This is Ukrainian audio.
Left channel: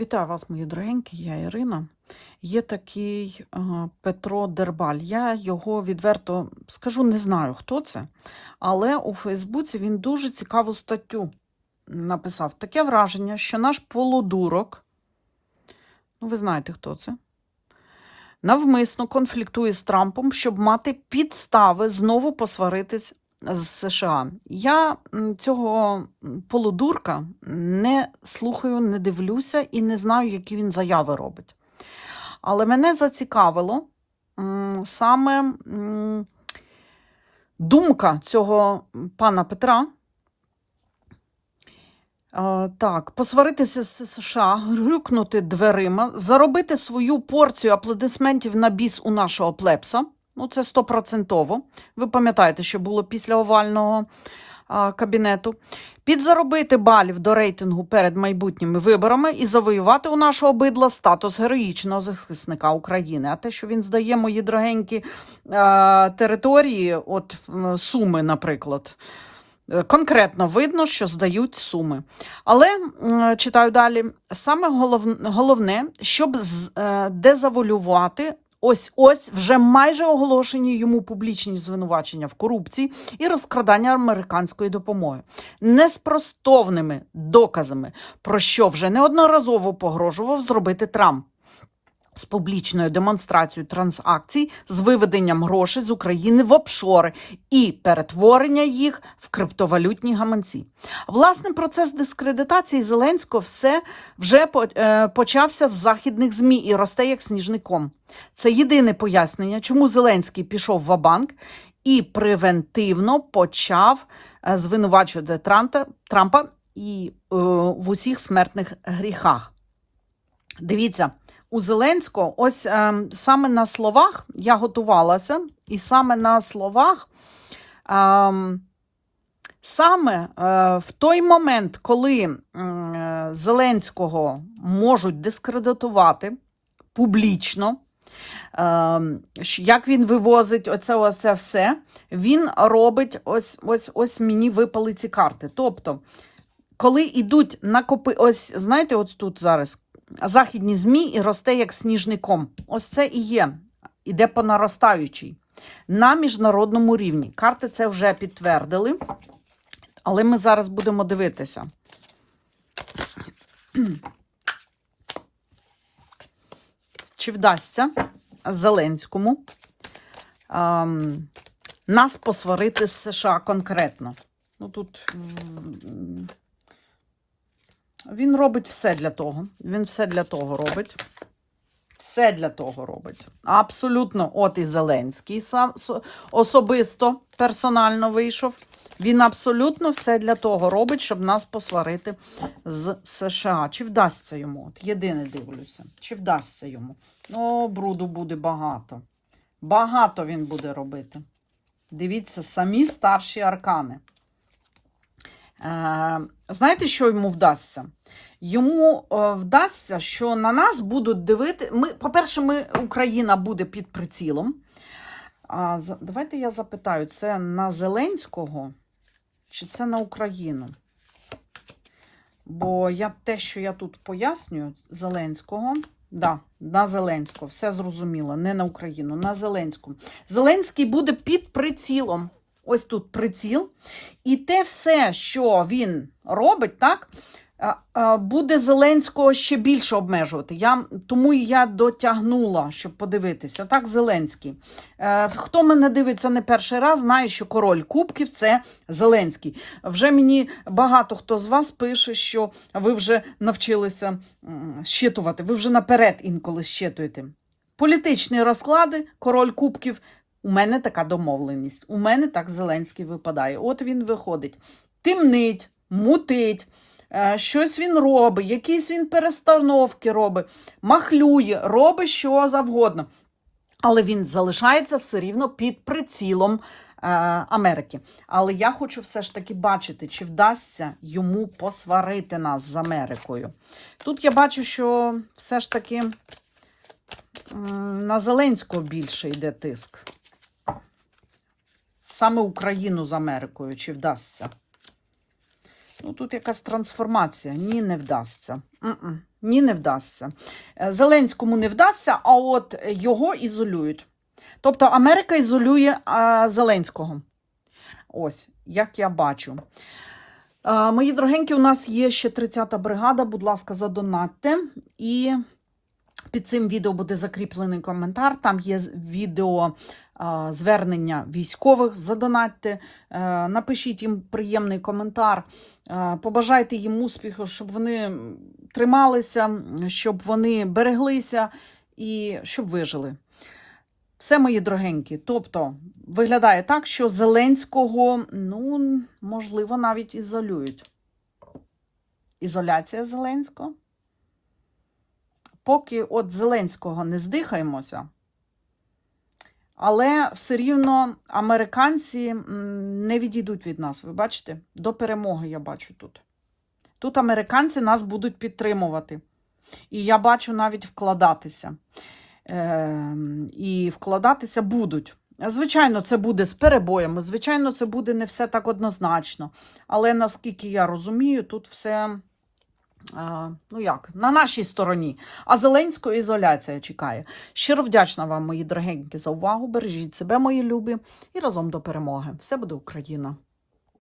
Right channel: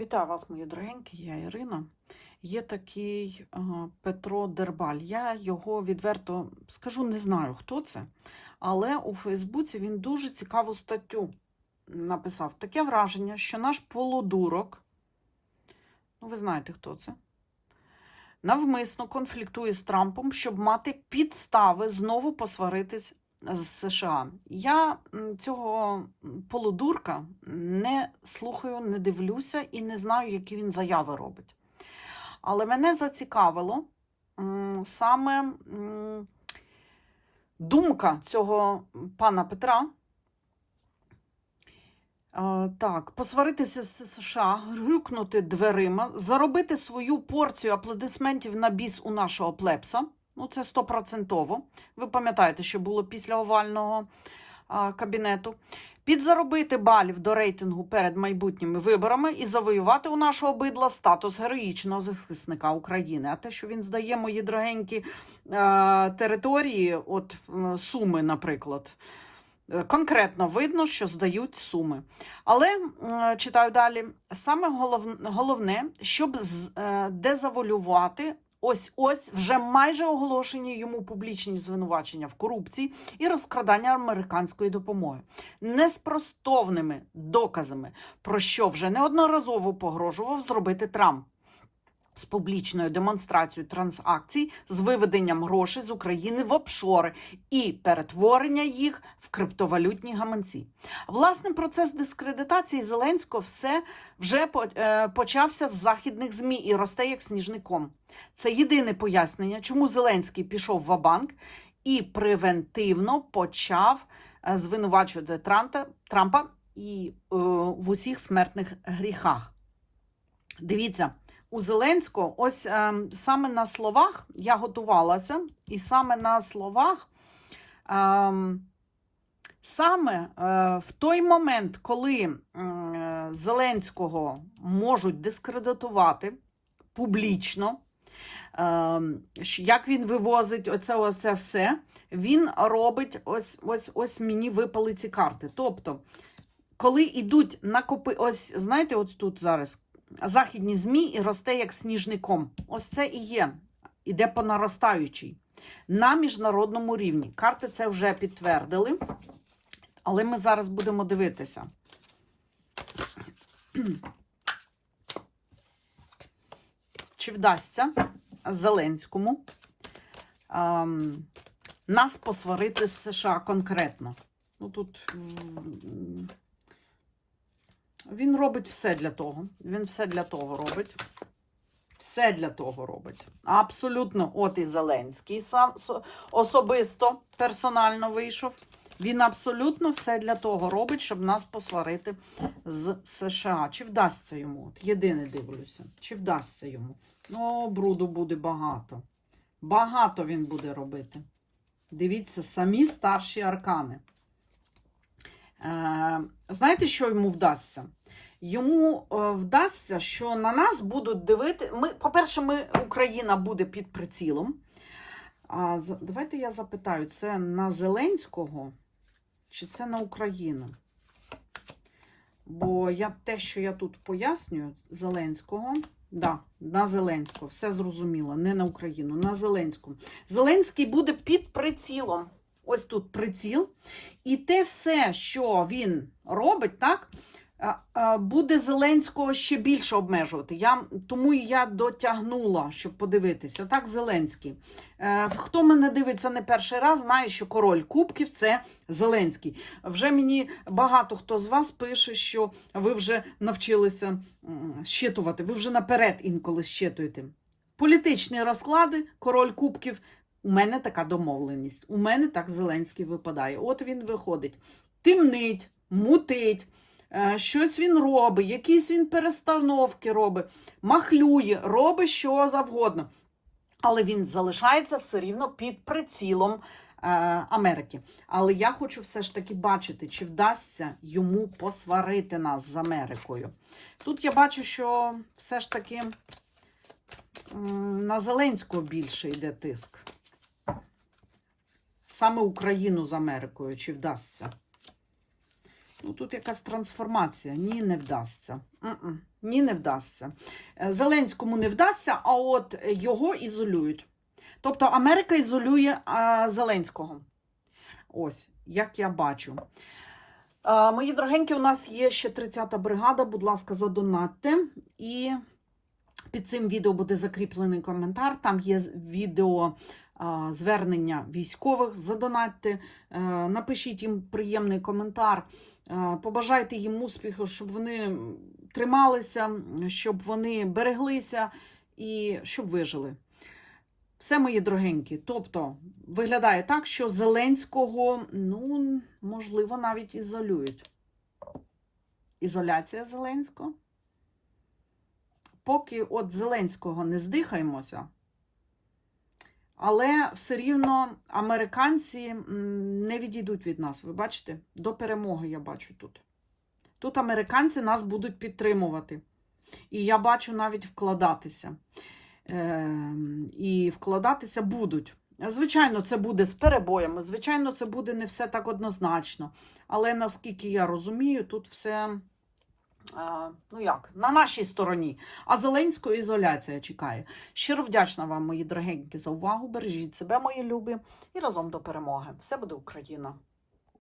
Вітаю вас, мої дорогенькі, я Ірина. Є такий е, Петро Дербаль. Я його відверто скажу, не знаю, хто це, але у Фейсбуці він дуже цікаву статтю написав. Таке враження, що наш полудурок, ну ви знаєте, хто це, навмисно конфліктує з Трампом, щоб мати підстави знову посваритись з США. Я цього полудурка не слухаю, не дивлюся і не знаю, які він заяви робить. Але мене зацікавило саме думка цього пана Петра. Е, Так, посваритися з США, грюкнути дверима, заробити свою порцію аплодисментів на біс у нашого плепса. Ну, це стопроцентово. Ви пам'ятаєте, що було після овального а, кабінету. Підзаробити балів до рейтингу перед майбутніми виборами і завоювати у нашого бидла статус героїчного захисника України. А те, що він здає мої дорогенькі а, території, от Суми, наприклад. е, Конкретно видно, що здають суми. Але читаю далі. Саме головне, щоб е, дезавалювати ось ось вже майже оголошені йому публічні звинувачення в корупції і розкрадання американської допомоги неспростовними доказами, про що вже неодноразово погрожував зробити Трамп. З публічною демонстрацією транзакцій з виведенням грошей з України в офшори і перетворення їх в криптовалютні гаманці. Власне, процес дискредитації Зеленського все вже е, почався в західних змі і росте як сніжний ком. Це єдине пояснення, чому Зеленський пішов в банк і превентивно почав е, звинувачувати Транта, Трампа і е, в усіх смертних гріхах. Дивіться, у Зеленського, ось е, саме на словах я готувалася, і саме на словах. Е, Саме е, в той момент, коли е, Зеленського можуть дискредитувати публічно, е, як він вивозить оце, оце все, він робить ось, ось, ось мені випали ці карти. Тобто, коли йдуть накопи, ось знаєте, от тут зараз західні ЗМІ і росте як сніжний ком. Ось це і є. Іде по наростаючій. На міжнародному рівні. Карти це вже підтвердили. Але ми зараз будемо дивитися. Чи вдасться Зеленському ем, нас посварити з США конкретно? Ну тут він робить все для того. Він все для того робить. Все для того робить. Абсолютно, от і Зеленський сам особисто персонально вийшов. Він абсолютно все для того робить, щоб нас посварити з США. Чи вдасться йому? От єдине дивлюся. Чи вдасться йому? О, бруду буде багато. Багато він буде робити. Дивіться, самі старші аркани. Е, знаєте, що йому вдасться? Йому е, вдасться, що на нас будуть дивити. Ми, по-перше, ми, Україна буде під прицілом. Давайте я запитаю, це на Зеленського чи це на Україну? Бо я те, що я тут пояснюю, Зеленського, да, на Зеленського, все зрозуміло, не на Україну, на Зеленському. Зеленський буде під прицілом. Ось тут приціл. І те все, що він робить, так, е, е, буде Зеленського ще більше обмежувати. Я, тому я дотягнула, щоб подивитися. Так, Зеленський. Е, Хто мене дивиться не перший раз, знає, що король Кубків це Зеленський. Вже мені багато хто з вас пише, що ви вже навчилися щитувати, ви вже наперед інколи щитуєте. Політичні розклади, король Кубків. У мене така домовленість. У мене так Зеленський випадає. От він виходить. Тимнить, мутить, е, щось він робить, якісь він перестановки робить, махлює, робить що завгодно. Але він залишається все рівно під прицілом е, Америки. Але я хочу все ж таки бачити, чи вдасться йому посварити нас з Америкою. Тут я бачу, що все ж таки на Зеленського більше йде тиск. Саме Україну з Америкою, чи вдасться? Ну, тут якась трансформація. Ні, не вдасться. Ні, не вдасться. Е, Зеленському не вдасться, а от його ізолюють. Тобто Америка ізолює а, Зеленського. Ось, як я бачу. А, мої дорогенькі, у нас є ще 30-та бригада. Будь ласка, задонатьте. І під цим відео буде закріплений коментар. Там є відео звернення військових. Задонатьте, е, напишіть їм приємний коментар. Е, Побажайте їм успіху, щоб вони трималися, щоб вони береглися і щоб вижили. Все, мої дорогенькі. Тобто, виглядає так, що Зеленського, ну, можливо, навіть ізолюють. Ізоляція Зеленського. Поки от Зеленського не здихаємося, але все рівно американці не відійдуть від нас. Ви бачите? До перемоги я бачу тут. Тут американці нас будуть підтримувати. І я бачу навіть вкладатися. Е, і вкладатися будуть. Звичайно, це буде з перебоями. Звичайно, це буде не все так однозначно. Але наскільки я розумію, тут все. Ну як, на нашій стороні. А Зеленського ізоляція чекає. Щиро вдячна вам, мої дорогенькі, за увагу. Бережіть себе, мої любі, і разом до перемоги. Все буде Україна!